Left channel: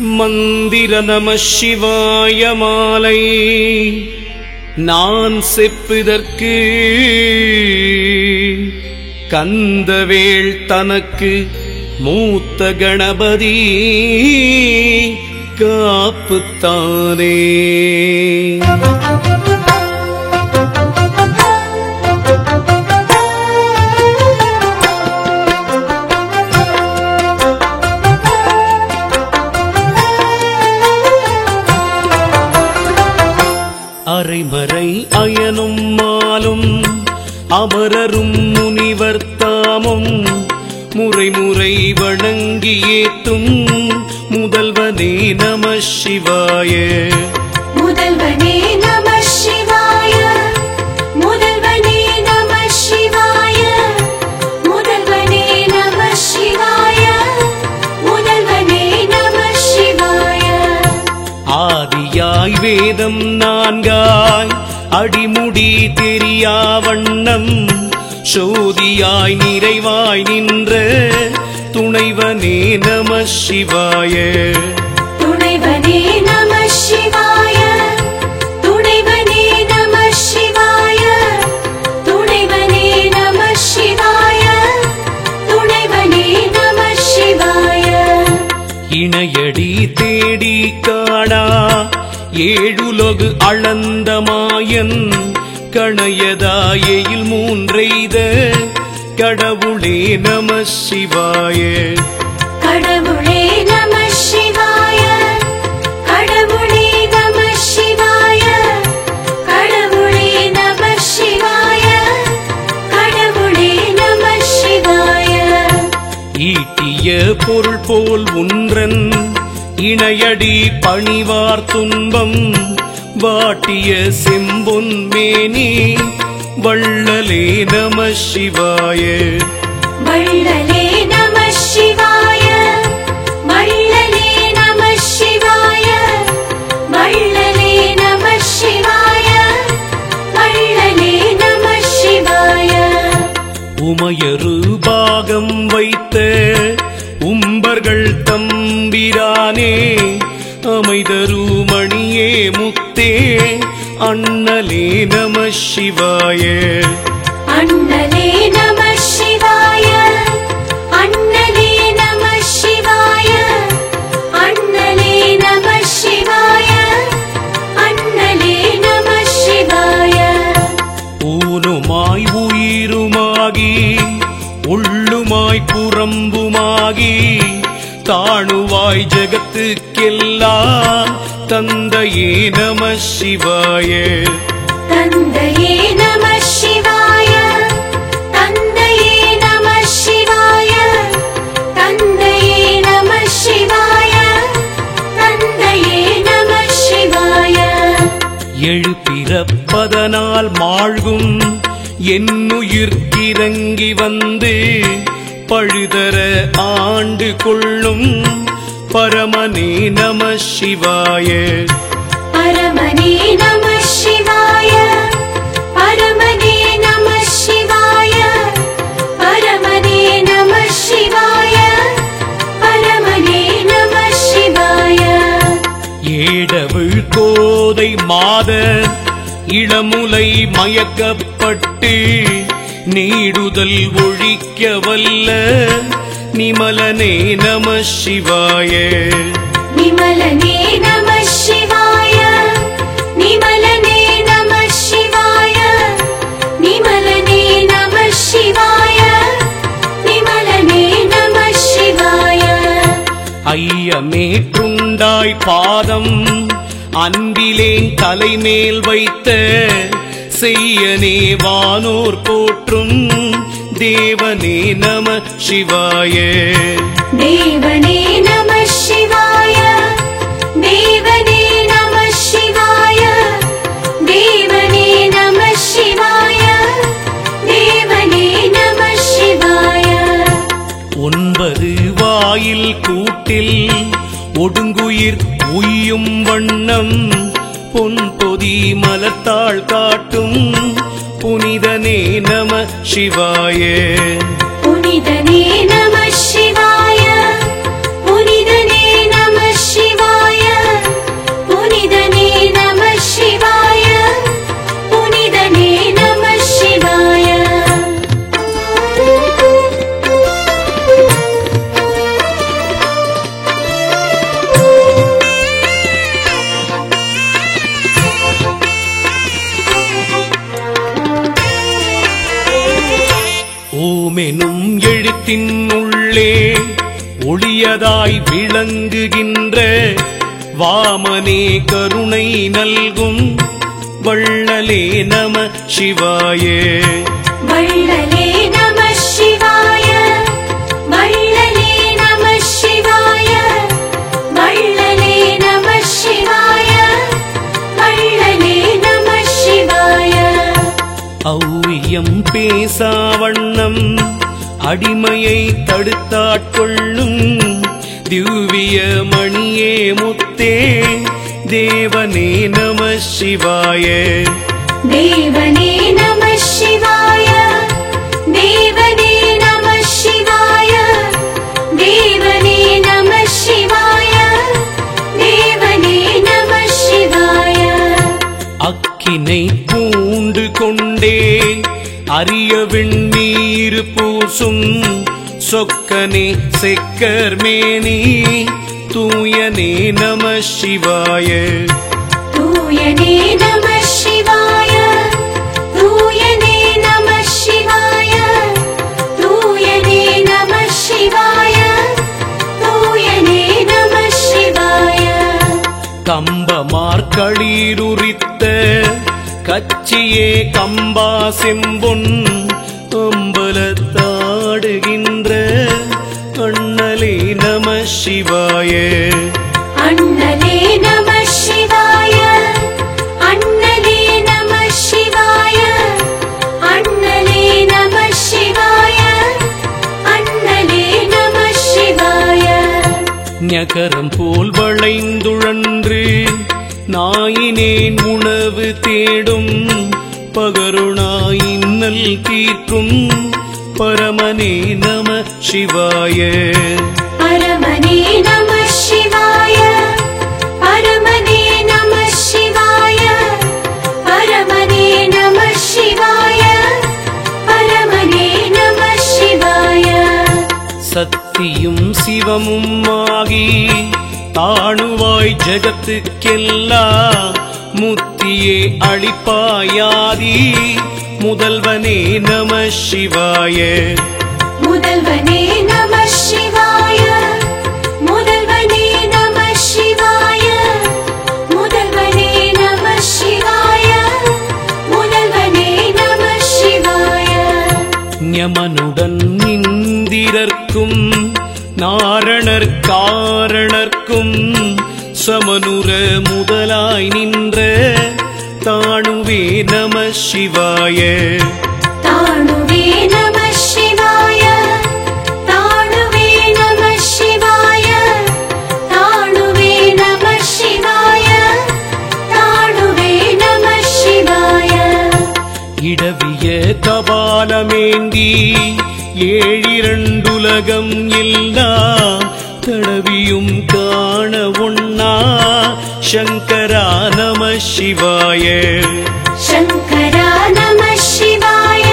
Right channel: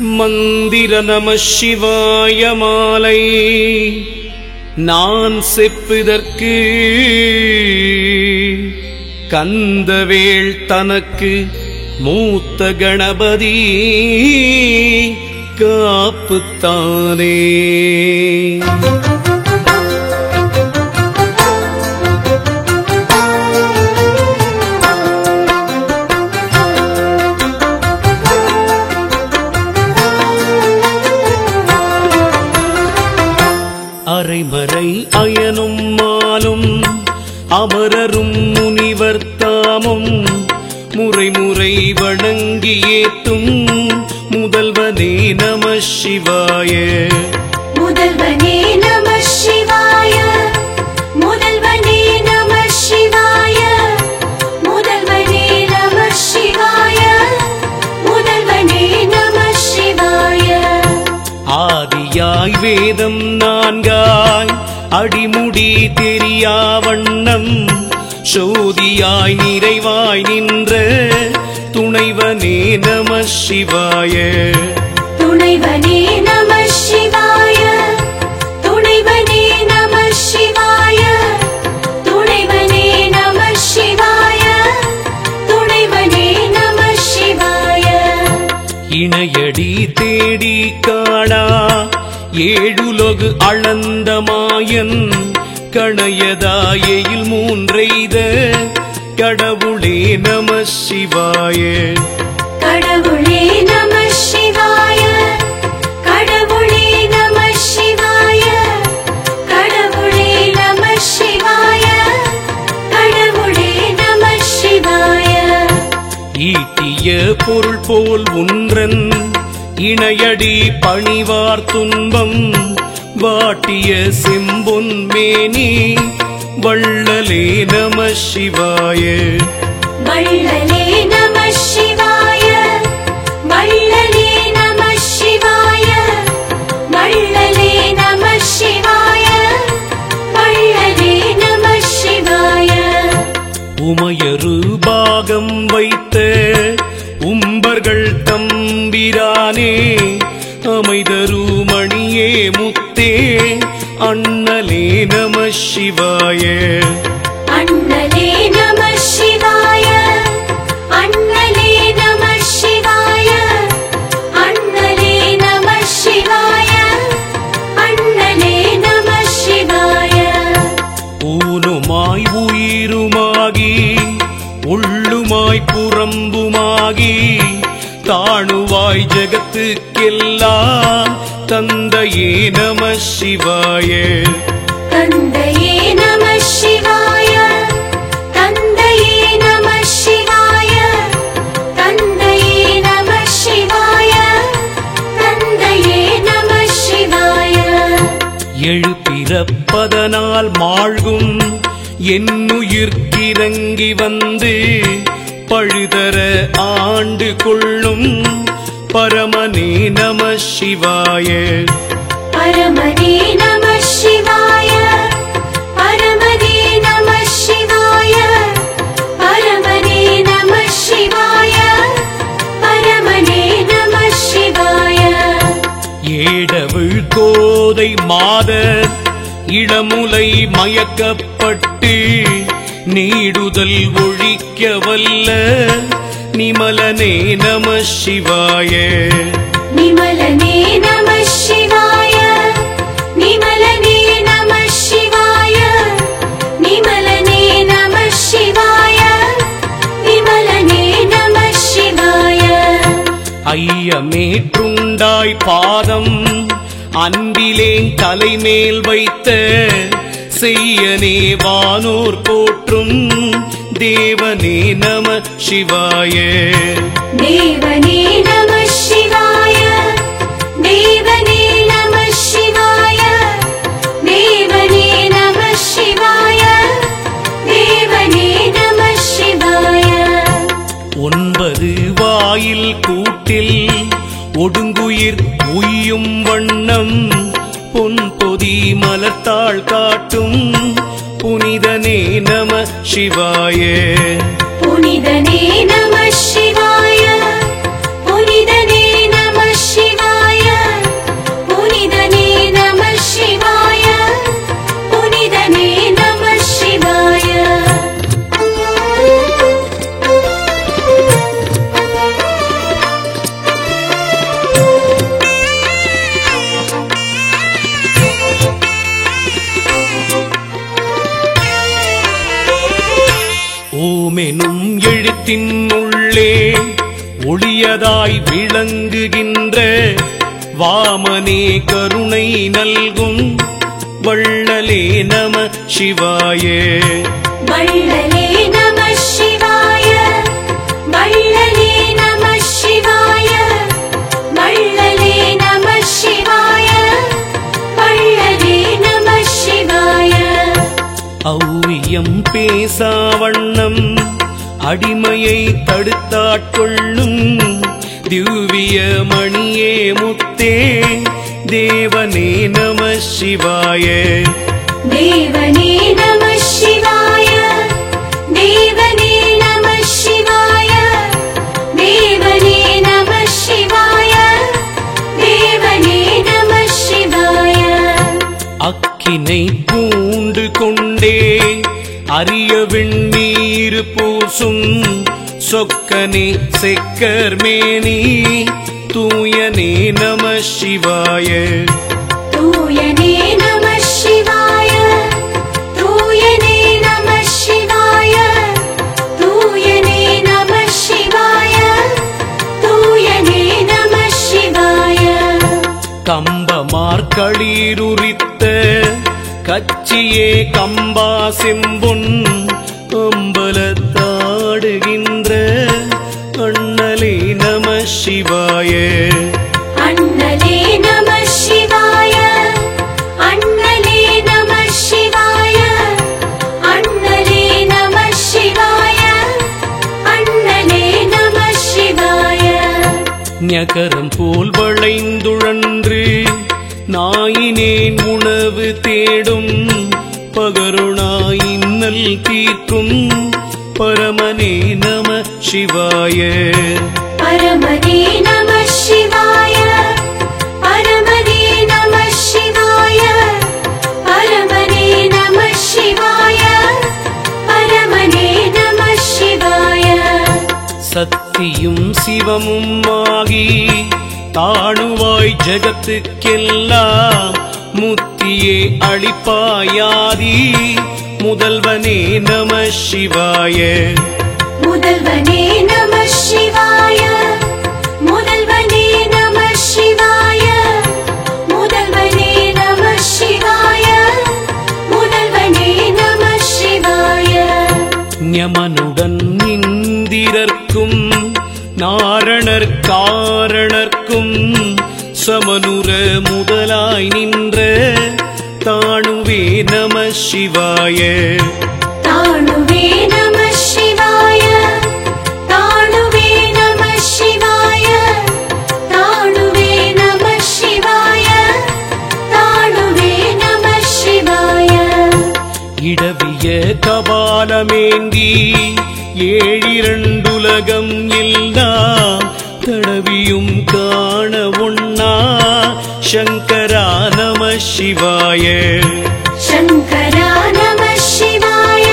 மந்திர நம சிவாய மாலை நான் செப்பிதற்கு கந்தவேள் தனக்கு மூத்த கணபதி காப்புத்தானே. அரைமறை அயனும் மாலும் அமரரும் முனிவர் தாமும் முறைமுறை வணங்கி ஏத்தும் முதல்வனே நம சிவாய. முதல்வனே நம சிவாய, முதல்வனே நம சிவாய, முதல்வனே நம சிவாய, முதல்வனே நம சிவாய. ஆதியாய் வேதம் நான்காய் அடிமுடி தெரியா வண்ணம் சோதியாய் நிறைவாய் நின்ற துணைவனே நம சிவாய. துணைவனே நம சிவாய, துணைவனே நம சிவாய, துணைவனே நம சிவாய, துணைவனே நம சிவாய. இணையடி தேடி காணா ஏழுலகு அளந்த மாயன் கணையதாயில் மூன்றெய்த கடவுளே நம சிவாய. கடவுளே நம சிவாய, கடவுளே நம சிவாய, கடவுளே நம சிவாய, கடவுளே நம சிவாய. ஈட்டிய பொருள் போல் ஒன்றன் இணையடி பணிவார் துன்பம் வாட்டிய செம்பொன் மேனி வள்ளலே நம சிவாய. வள்ளலே நம சிவாய, வள்ளலே நம சிவாய, வள்ளலே நம சிவாய, வள்ளலே நம சிவாய. உமையரு பாகம் வைத்த உம்பர்கள் தம்பிரானே அமைதரு மணியே முத்தே அண்ணலே நம சிவாய. அண்ணலே நம சிவாய, அண்ணலே நம சிவாய, அண்ணலே நம சிவாய, அண்ணலே நம சிவாய. ஊனுமாய் உயிருமாகி உள்ளுமாய் புறம்புமாகி தாணுவாய் ஜகத்துக்கெல்லாம் தந்தையே நம சிவாய. தந்தையே நம சிவாய, தந்தையே நம சிவாய, தந்தையே நம சிவாய, தந்தையே நம சிவாய. எழுப்பிறப்பதனால் மாழ்கும் என்னுயிர்க்கிறங்கி வந்து பழுதர ஆண்டு கொள்ளும் பரமனே நம சிவாய. பரமனே நம சிவாய, பரமனே நம சிவாய, பரமனே நம சிவாய, பரமனே நம சிவாய. ஏடவிழ் கோதை மாதர் இளமுலை மயக்கப்பட்டு நீடுதல் ஒழிக்க வல்ல நிமலனே நம சிவாய. நிமலனே நம சிவாய, நிமலனே நம சிவாய, நிமலனே நம சிவாய, நிமலனே நம சிவாய. ஐயமேற்றுண்டாய் பாதம் அன்பிலேன் தலைமேல் வைத்த செய்யனே வானோர் போற்றும் தேவனே நம சிவாய. தேவனே நம சிவாய, தேவனே நம சிவாய, தேவனே நம சிவாய, தேவனே நம சிவாய. 9 வாயில் கூட்டில் ஒடுங்குயிர் உய்யும் வண்ணம் பொன் பொதி மலர்த்தாள் காட்டும் புனிதனே நம சிவாய. புனிதனே நம சிவாய, புனிதனே நம சிவாய. எனும் எழுத்தின் உள்ளே ஒளியதாய் விளங்குகின்ற வாமனே கருணை நல்கும் வள்ளலே நம சிவாய. வள்ளலே நம சிவாய, வள்ளலே நம சிவாய, வள்ளலே நம சிவாய, வள்ளலே நம சிவாய. ஔவியம் பேசாவண்ணம் அடிமையை தடுத்தாட்கொள்ளும் திவ்ய மணியே முத்தே தேவனே நம சிவாய. தேவனே நம சிவாய, தேவனே நம சிவாய, தேவனே நம சிவாய, தேவனே நம சிவாய. அக்கினை பூண்டு கொண்டே அரிய வெண்ணீர் பூசும் சொக்கனே செக்கர்மேனி தூயனே நம சிவாய. தூயனே நம சிவாய, தூயனே நம சிவாய, தூயனே நம சிவாய, தூயனே நம சிவாய. கம்பமார்களிருரித்த கச்சியே கம்பா செம்பொன் அம்பலத்தாடுகின்ற அண்ணலே நம சிவாய. அண்ணலே நம சிவாய, அண்ணலே நம சிவாய, அண்ணலே நம சிவாய, அண்ணலே நம சிவாய. ஞகரம் போல் வளைந்துழன்று நாயினேன் உணவு தேடும் பகருணாயின்னல் தீர்க்கும் பரமனே நம சிவாய. பரமனே நம சிவாய, பரமனே நம சிவாய, பரமனே நம சிவாய, பரமனே நம சிவாய. சத்தியும் சிவமும் ஆகி தாணுவாய் ஜகத்துக்கெல்லாம் முத்தியே அளிப்பாயாதி முதல்வனே நம சிவாய. முதல்வனே நம சிவாய, முதல்வனே நம சிவாய, முதல்வனே நம சிவாய, முதல்வனே நம சிவாய. ஞமனுடன் இந்திரர்க்கும் நாரணர் காரணர்க்கும் சமனுர முதலாய் நின்ற தாணுவே நம சிவாய. தாணுவே நம சிவாய, தாணுவே நம சிவாய, தாணுவே நம சிவாய, தாணுவே நம சிவாய. இடவிய கபாலமேந்தி ஏழிரண்டுலகம் எல்லாம் தடவியும் காண ஒண்ணா சங்கரா நம சிவாய. சங்கரா நம சிவாய,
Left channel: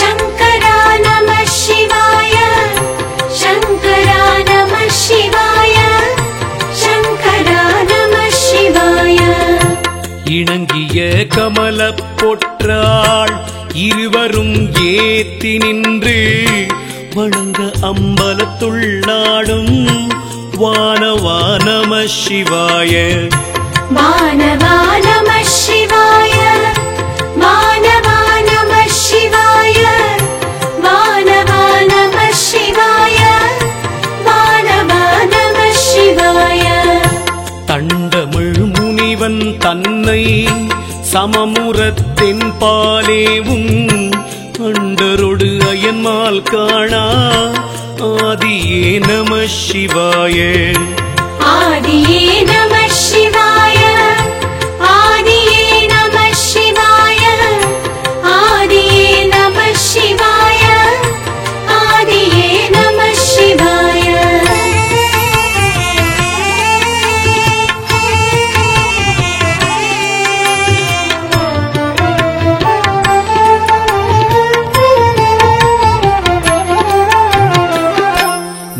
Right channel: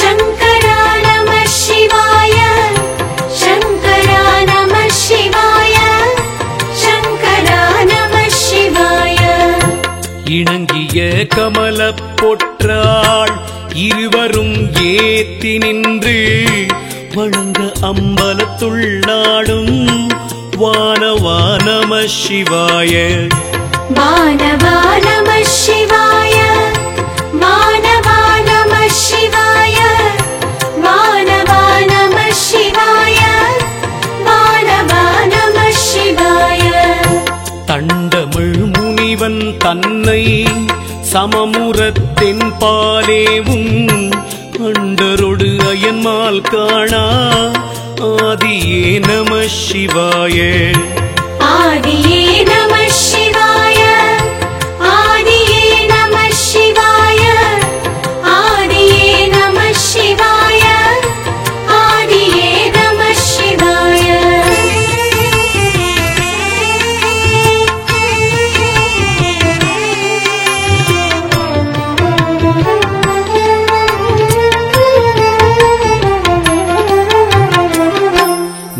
சங்கரா நம சிவாய, சங்கரா நம சிவாய, சங்கரா நம சிவாய. இணங்கிய கமலப் பொற்றாள் இருவரும் ஏத்தி நின்று வணங்க அம்பலத்துள்ளாடும் வானவா நம சிவாய. வானவா நம சிவாய, வானவா நம சிவாய, வானவா நம சிவாய, வானவா நம சிவாய. தண்டமிழ் முனிவன் தன்னை சமமுறத்தின் பாலேவும் அண்டரொடு அயன்மால் காணா ஆதியே நம சிவாய. ஆதியே நம சிவாய, ஆதியே நம சிவாய, ஆதியே நம சிவாய, ஆதியே நம சிவாய.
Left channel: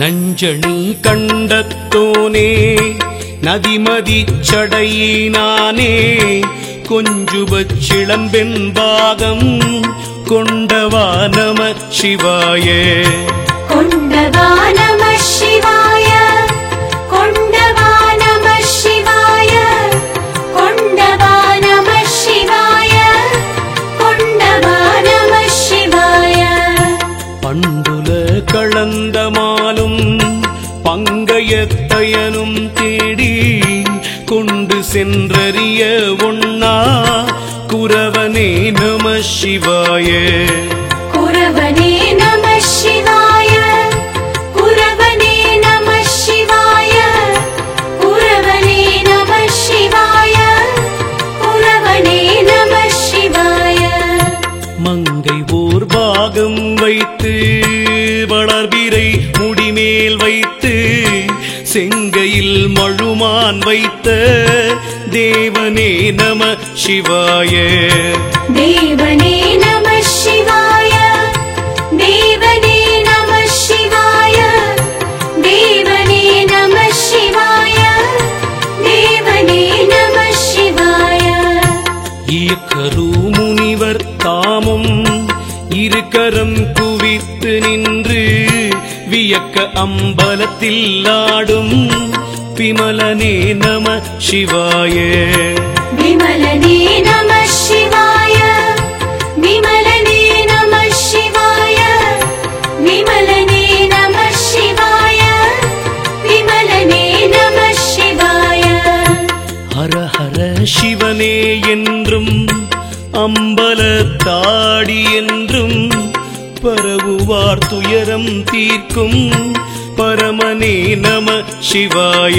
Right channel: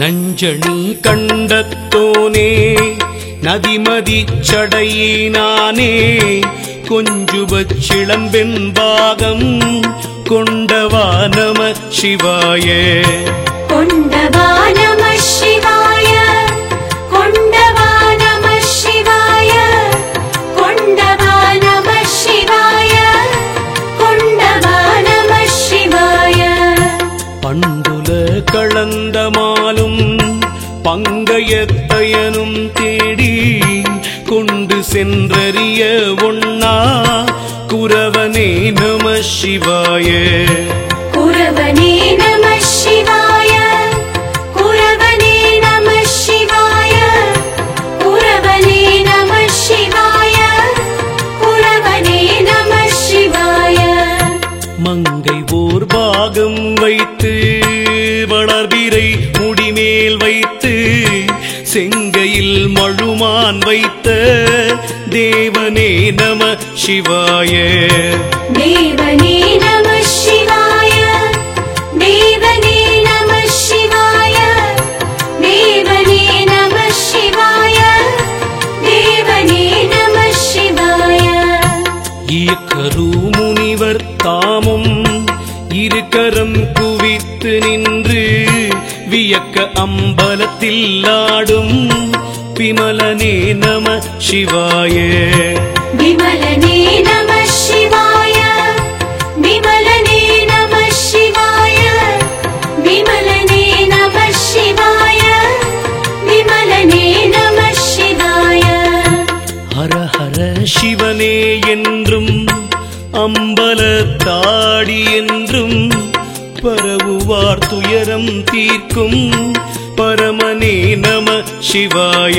நஞ்சணி கண்டத்தோனே நதிமதி சடையினானே கொஞ்சுபச் சிளம்பெண் பாகம் கொண்டவா நம சிவாய கொண்டவா நம சிவாய கொண்டவா நம சிவாய கொண்டவா நம சிவாய கொண்டவா நம சிவாய பண்டுல களந்தமாலும் பங்கயத்தயனும் தேடி கொண்டு சென்றறிய ஒண்ணா குரவனே நம சிவாய குரவனே நம சிவாய குரவனே நம சிவாய குரவனே நம சிவாய குரவனே நம சிவாய மங்கை ஓர் பாகம் வைத்து வளர்பிறை முடிமேல் வைத்து செங்கையில் மழுமான் வைத்த தேவனே நம சிவாய தேவனே நம சிவாய தேவனே நம சிவாய தேவனே நம சிவாய தேவனே நம சிவாய இயக்கரு முனிவர் தாமும் இருக்கரம் குவித்து நின்று வியக்க அம்பலத்தில் ஆடும் விமலனே நம சிவாய விமலனே நம சிவாய விமலனே நம சிவாய விமலனே நம சிவாய விமலனே நம சிவாய ஹர ஹர சிவனே என்றும் அம்பலத்தாடி என்றும் பரவுவார் துயரம் தீர்க்கும் பரமனே நம சிவாய